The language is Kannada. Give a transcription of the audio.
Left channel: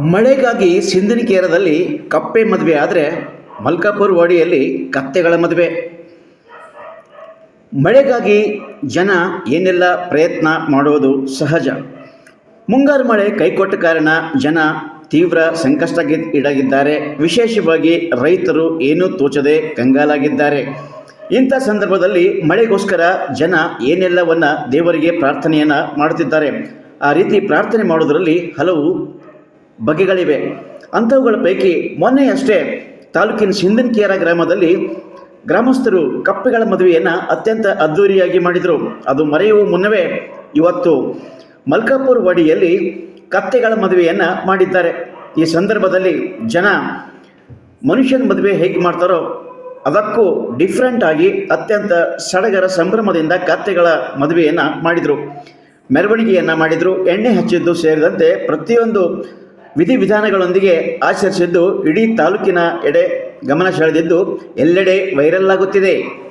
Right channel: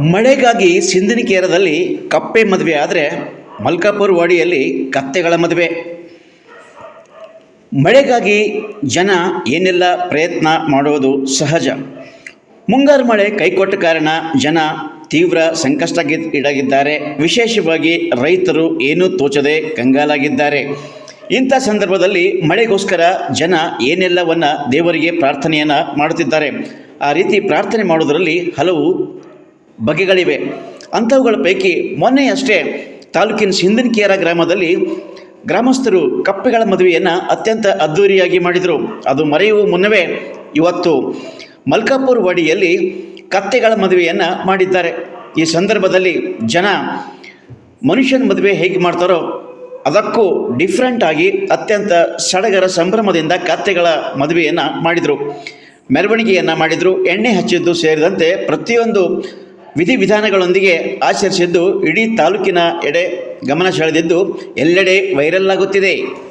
ಮಳೆಗಾಗಿ ಸಿಂದನಿಕೇರದಲ್ಲಿ ಕಪ್ಪೆ ಮದುವೆ ಆದರೆ ಮಲ್ಕಾಪುರ ವಾಡಿಯಲ್ಲಿ ಕತ್ತೆಗಳ ಮದುವೆ. ಮಳೆಗಾಗಿ ಜನ ಏನೆಲ್ಲ ಪ್ರಯತ್ನ ಮಾಡುವುದು ಸಹಜ. ಮುಂಗಾರು ಮಳೆ ಕೈಕೊಟ್ಟ ಕಾರಣ ಜನ ತೀವ್ರ ಸಂಕಷ್ಟಕ್ಕೆ ಈಡಾಗಿದ್ದಾರೆ. ವಿಶೇಷವಾಗಿ ರೈತರು ಏನೂ ತೋಚದೆ ಕಂಗಾಲಾಗಿದ್ದಾರೆ. ಇಂಥ ಸಂದರ್ಭದಲ್ಲಿ ಮಳೆಗೋಸ್ಕರ ಜನ ಏನೆಲ್ಲವನ್ನ ದೇವರಿಗೆ ಪ್ರಾರ್ಥನೆಯನ್ನು ಮಾಡುತ್ತಿದ್ದಾರೆ. ಆ ರೀತಿ ಪ್ರಾರ್ಥನೆ ಮಾಡುವುದರಲ್ಲಿ ಹಲವು ಬಗೆಗಳಿವೆ. ಅಂಥವುಗಳ ಪೈಕಿ ಮೊನ್ನೆಯಷ್ಟೇ ತಾಲೂಕಿನ ಸಿಂದನಕೇರ ಗ್ರಾಮದಲ್ಲಿ ಗ್ರಾಮಸ್ಥರು ಕಪ್ಪೆಗಳ ಮದುವೆಯನ್ನು ಅತ್ಯಂತ ಅದ್ಧೂರಿಯಾಗಿ ಮಾಡಿದರು. ಅದು ಮರೆಯುವ ಮುನ್ನವೇ ಇವತ್ತು ಮಲ್ಕಾಪುರ ವಾಡಿಯಲ್ಲಿ ಕತ್ತೆಗಳ ಮದುವೆಯನ್ನು ಮಾಡಿದ್ದಾರೆ. ಈ ಸಂದರ್ಭದಲ್ಲಿ ಜನ ಮನುಷ್ಯನ ಮದುವೆ ಹೇಗೆ ಮಾಡ್ತಾರೋ ಅದಕ್ಕೂ ಡಿಫ್ರೆಂಟ್ ಆಗಿ ಅತ್ಯಂತ ಸಡಗರ ಸಂಭ್ರಮದಿಂದ ಕತ್ತೆಗಳ ಮದುವೆಯನ್ನು ಮಾಡಿದರು. ಮೆರವಣಿಗೆಯನ್ನು ಮಾಡಿದರು. ಎಣ್ಣೆ ಹಚ್ಚಿದ್ದು ಸೇರಿದಂತೆ ಪ್ರತಿಯೊಂದು ವಿಧಿವಿಧಾನಗಳೊಂದಿಗೆ ಆಚರಿಸಿದ್ದು ಇಡೀ ತಾಲೂಕಿನ ಎಡೆ ಗಮನ ಸೆಳೆದಿದ್ದು ಎಲ್ಲೆಡೆ ವೈರಲ್ ಆಗುತ್ತಿದೆ.